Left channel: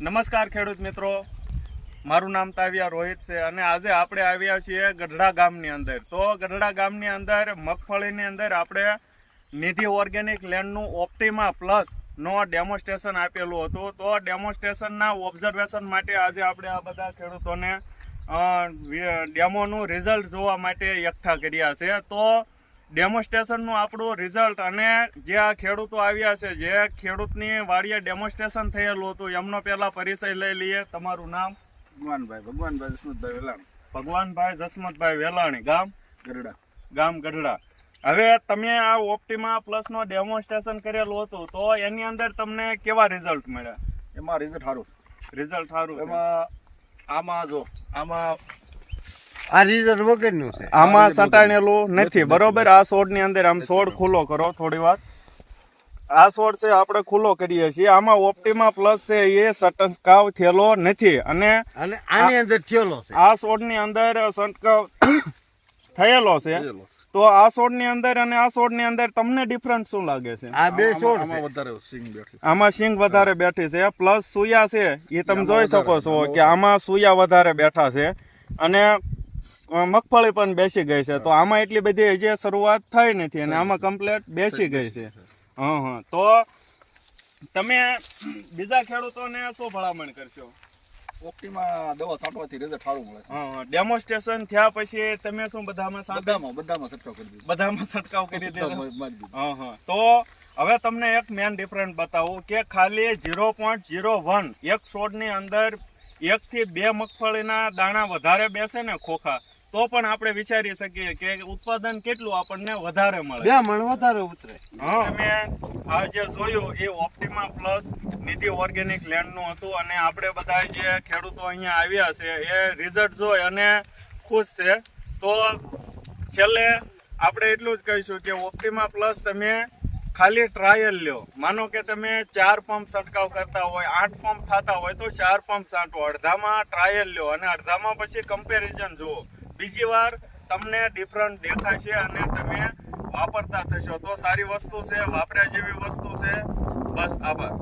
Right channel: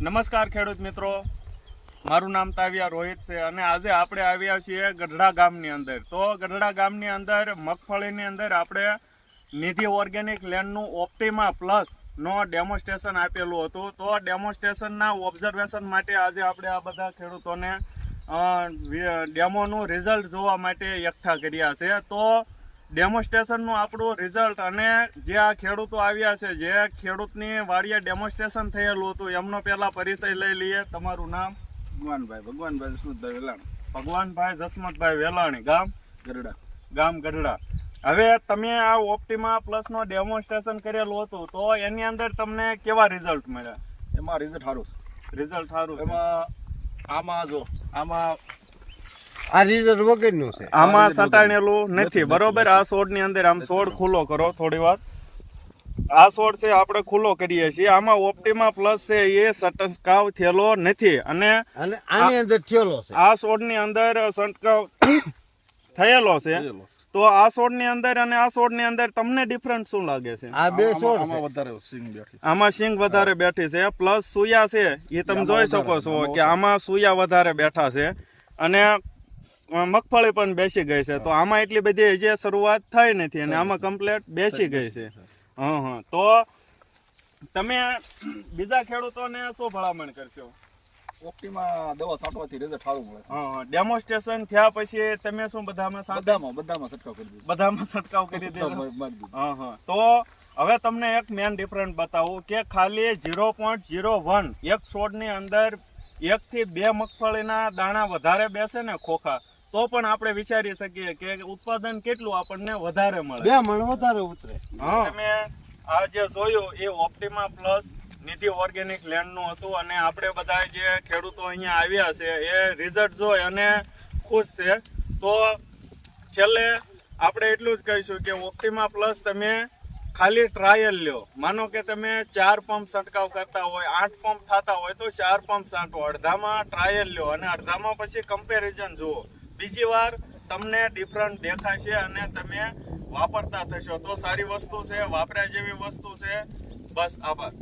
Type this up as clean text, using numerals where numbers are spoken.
નમસ્કાર ખેડૂત મિત્રો, મારું નામ તાવિયા રોહિત છે અને આજે આપણે આવ્યા છીએ ગઢડા ગામની અંદર. તો ગઢડા ગામની અંદર મગફળીની અંદર આપણે નિધિ ઓર્ગેનિક લેન્ડનું ઓપ્ટિમા પ્લસનો ડેમોન્સ્ટ્રેશન આપેલું હતું. તો ડેમોન્સ્ટ્રેશનના ઓબ્ઝર્વેશન માટે આજે આપણે આ બધા ખેડૂતોને ડેમોનું રિઝલ્ટ જોવા માટે એકઠા કર્યા છે. તો ડેમોન્સ્ટ્રેશનનું આપણું રિઝલ્ટ અને જે આ ખેડૂતો આવ્યા છે, જે ખેડૂતની વાડીએ ડેમોન્સ્ટ્રેશન થયેલું હતું, એમનો પહેલા પરિચય લઈ લઈએ. તમારું નામ? ભગવાનભાઈ જસમતભાઈ વેલાણી. ભગવાનભાઈ જસમતભાઈ વેલાણી. ગામ? ગઢડા. ગામ ગઢડા. હવે તમે આ ઓપ્ટિમા પ્લસનો ડેમોન્સ્ટ્રેશન કરેલું હતું, તો એની અંદર તમને કેવા રિઝલ્ટ મળ્યા? એમાં રિઝલ્ટ સારું. રિઝલ્ટ સારું. આમાં જો આમાં આ રિઝલ્ટ વગરનું છે. આમાં સટાણેલું નથી, બરોબર? આ છોડની અંદર આમ છોડ ખુલ્લો કરો થોડી વાર. આ છોડ છે આપણે ખુલ્લો કરીએ છીએ. આમાં ઓપ્ટિમા પ્લસ છે એ છંટકાવ થયેલો નથી અને આની અંદર થયેલો છે. આ છોડની અંદર છંટકાવ થયેલો છે. તો આ છોડની અંદર અને આ છોડની અંદર તમને ડિફરન્સ શું લાગે છે? આ બે છોડ આમાં વધારે સિંગ બેઠી. આમાં સિંગ વધારે બેઠી છે, પ્લસ સુયા છે એ તમે જોઈ શકો છો કે આમાં સુયા વધારે બેઠા છે અને મગફળી પણ બેસી ગઈ છે. તો આમાં એટલી બધી હજી શરૂઆત થઈ નથી અને આમાં કમ્પ્લીટ બેસી ગઈ છે. હા. તો તમે બીજા ખેડૂતોને શું ભલામણ કરશો? ઓપ્ટિમા દવા છાંટવાથી રિઝલ્ટ સારું મળે. હા. ડેમોન્સ્ટ્રેશન થયા પછી તમે શું બધામાં છંટકાવ કરી દીધો. બધામાં છંટકાવ કરી દીધો? હા. તો હવે તમને એક મેન ડિફરન્સ બતાવું કે ખાલી 0.01 એક છોડની અંદર 1 થી 2 મગફળીના દાણા વધારે બેસે ને ખોખા, તો પણ આપણે વિચારી શકીએ કે ઉત્પાદન કેટલું આપણને વધારે મળે. 2 મણ વધારે ઉતરે. તમે આ જે જોયું એ ઓપ્ટિમા પ્લસ નિધિ ઓર્ગેનિક લેન્ડનું હતું અને આપણે બધા જે ખેડૂતો અહીંયા આવ્યા છે એ રિઝલ્ટ જોઈ અને ખુશ છે. તો છેલ્લે આપણે એટલું જ કહીશું કે ઓપ્ટિમા પ્લસ તમે ખાલી ટ્રાયલ લ્યો. માનો કે તમે 4 પંપ છંટકાવ કરતા હોય, 8 પંપ થતા હોય તો 4 પંપ છાંટો, અડધામાં ટ્રાયલ લ્યો અને અડધામાં પછી કમ્પેરિઝન જુઓ. બીજી વાર તમને ડિફરન્ટ દેખાશે અને તમે વાપરતા થશો. તો સારી વસ્તુ છે, વાપર્યા જેવી વસ્તુ છે. બસ, આભાર.